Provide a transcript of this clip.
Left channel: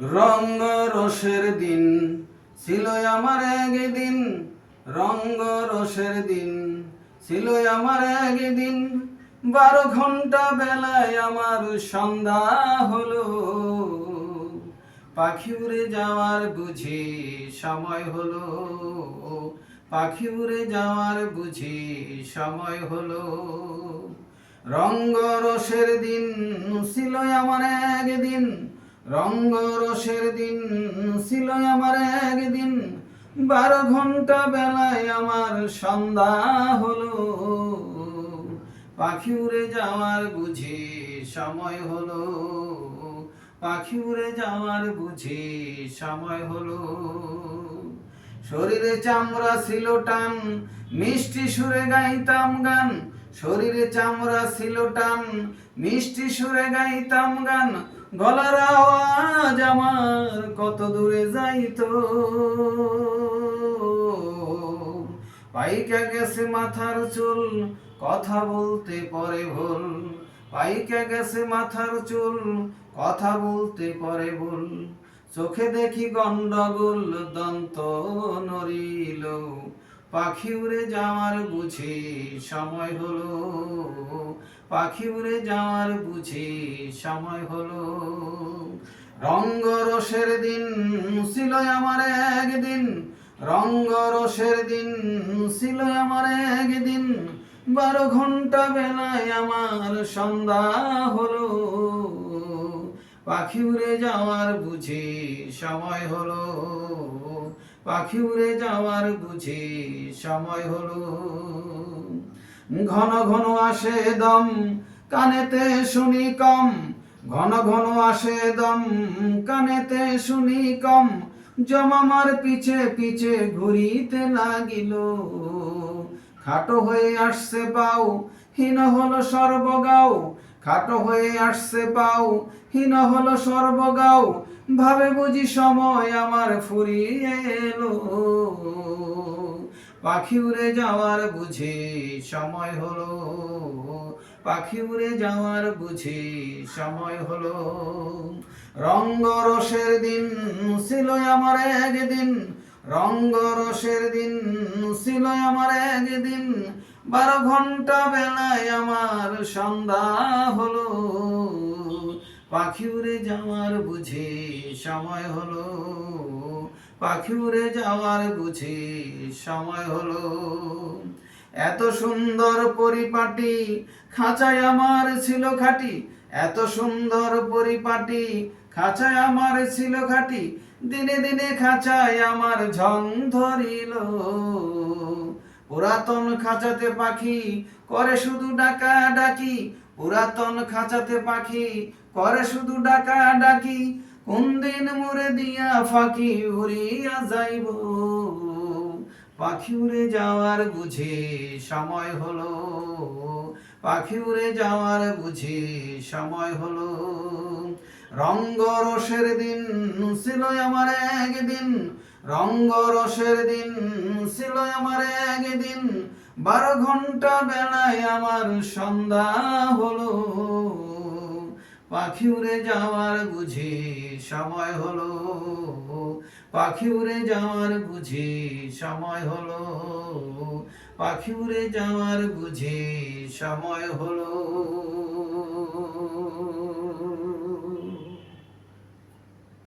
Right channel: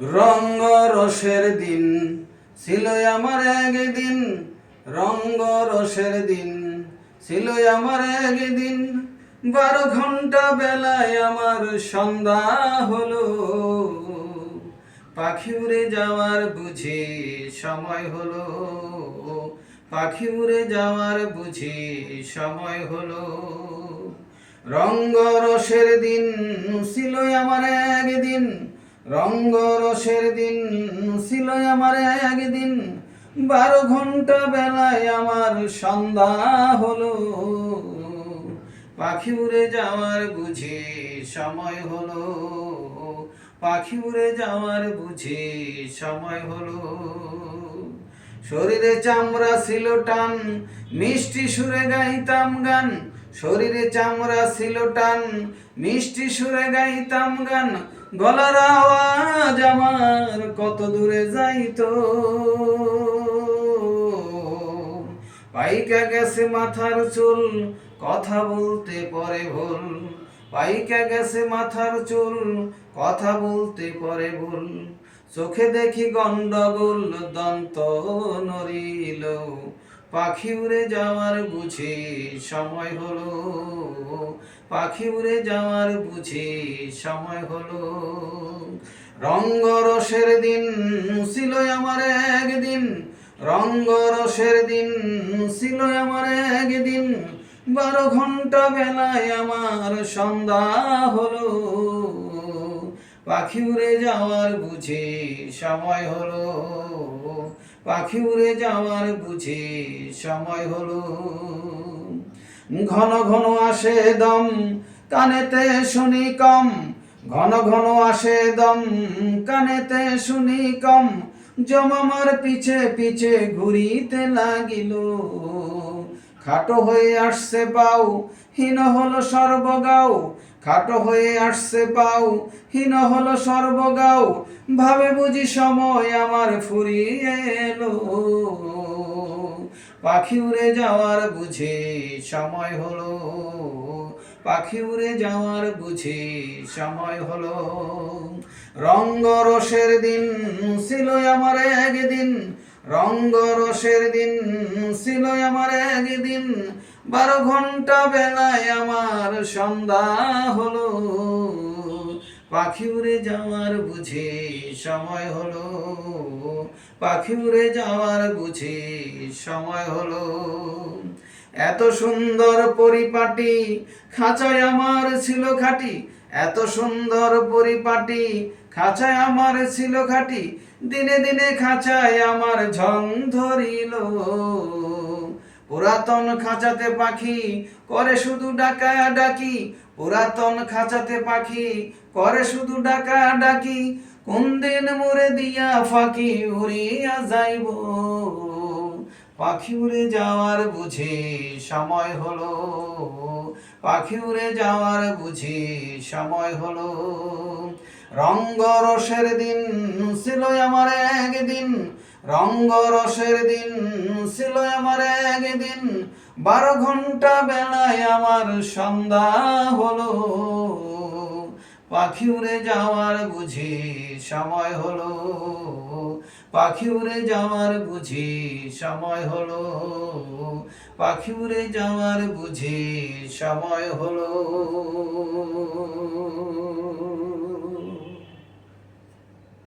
রঙ্গ রসের দিন ছিল আমার একদিন, রঙ্গ রসের দিন ছিল আমার একদিন। 12 ঘন্টা বেলায় আমার সন্ধ্যা হলো, পাখি উড়ে যাওয়ার বুঝি সময় হলো, পাখি উড়ে যাওয়ার বুঝি সময় হলো। রঙ্গ রসের দিন ছিল আমার একদিন, রঙ্গ রসের দিন ছিল আমার একদিন। 12 ঘন্টা বেলায় আমার সন্ধ্যা হলো, পাখি উড়ে যাওয়ার বুঝি সময় হলো, পাখি উড়ে যাওয়ার বুঝি সময় হলো। শরীরে চামড়া ছিল টান, মিষ্টি সুরে গাইতাম গান। শরীরে চামড়া ছিল টান, মিষ্টি সুরে গাইতাম গান। গলার আওয়াজ আমার কত দূরে যাইতো, পাইকা গেছে মাথার চুল, কথা বলতে পরে ভুল। পাইকা গেছে মাথার চুল, কথা বলতে পরে ভুল। চোখে দেখি গন্ডগোল, দন্ত নড়িল। পাখি উড়ে যাওয়ার বুঝি সময় হলো, পাখি উড়ে যাওয়ার বুঝি সময় হলো। রঙ্গ রসের দিন ছিল আমার একদিন, রঙ্গ রসের দিন ছিল আমার একদিন। 12 ঘন্টা বেলায় আমার সন্ধ্যা হলো, পাখি উড়ে যাওয়ার বুঝি সময় হলো, পাখি উড়ে যাওয়ার বুঝি সময় হলো। ঘন ঘন আসে দম, কানেতে শুনি কম। ঘন ঘন আসে দম, কানেতে শুনি কম। জমামার পিছে পিছে ঘুরিতে লাগিল। খাটো হয়ে আসছে পাও, হীন হলো সর্বগাও। খাটো হয়ে আসছে পাও, হীন হলো সর্বগাও। ভাবে বুঝি সময় আমার ফুরিয়ে এলো, পাখি উড়ে যাওয়ার বুঝি সময় হলো, পাখি উড়ে যাওয়ার বুঝি সময় হলো। রঙ্গ রসের দিন ছিল আমার একদিন, রঙ্গ রসের দিন ছিল আমার একদিন। 12 ঘন্টা বেলায় আমার সন্ধ্যা হলো, পাখি উড়ে যাওয়ার বুঝি সময় হলো, পাখি উড়ে যাওয়ার বুঝি সময় হলো। এত সুন্দর পরিপাটি খাঁচায় আমার ছিল খাটি, এত সুন্দর পরিপাটি খাঁচায় আমার ছিল খাটি। দিনে দিনে খাঁচায় আমার ঝং ধরিল, পুরাতন খাঁচাতে পাখি করে শুধু ডাকা ডাকি। পুরাতন খাঁচাতে পাখি করে শুধু ডাকা ডাকি। কোন দিন মুড়ে দিয়া ফাঁকি উড়িয়া যাইব, পাখি উড়ে যাওয়ার বুঝি সময় হলো, পাখি উড়ে যাওয়ার বুঝি সময় হলো। রঙ্গ রসের দিন ছিল আমার একদিন, রঙ্গ রসের দিন ছিল আমার একদিন। 12 ঘন্টা বেলায় আমার সন্ধ্যা হলো, পাখি উড়ে যাওয়ার বুঝি সময় হলো, পাখি উড়ে যাওয়ার বুঝি সময় হলো, পাখি উড়ে যাওয়ার বুঝি সময় হলো।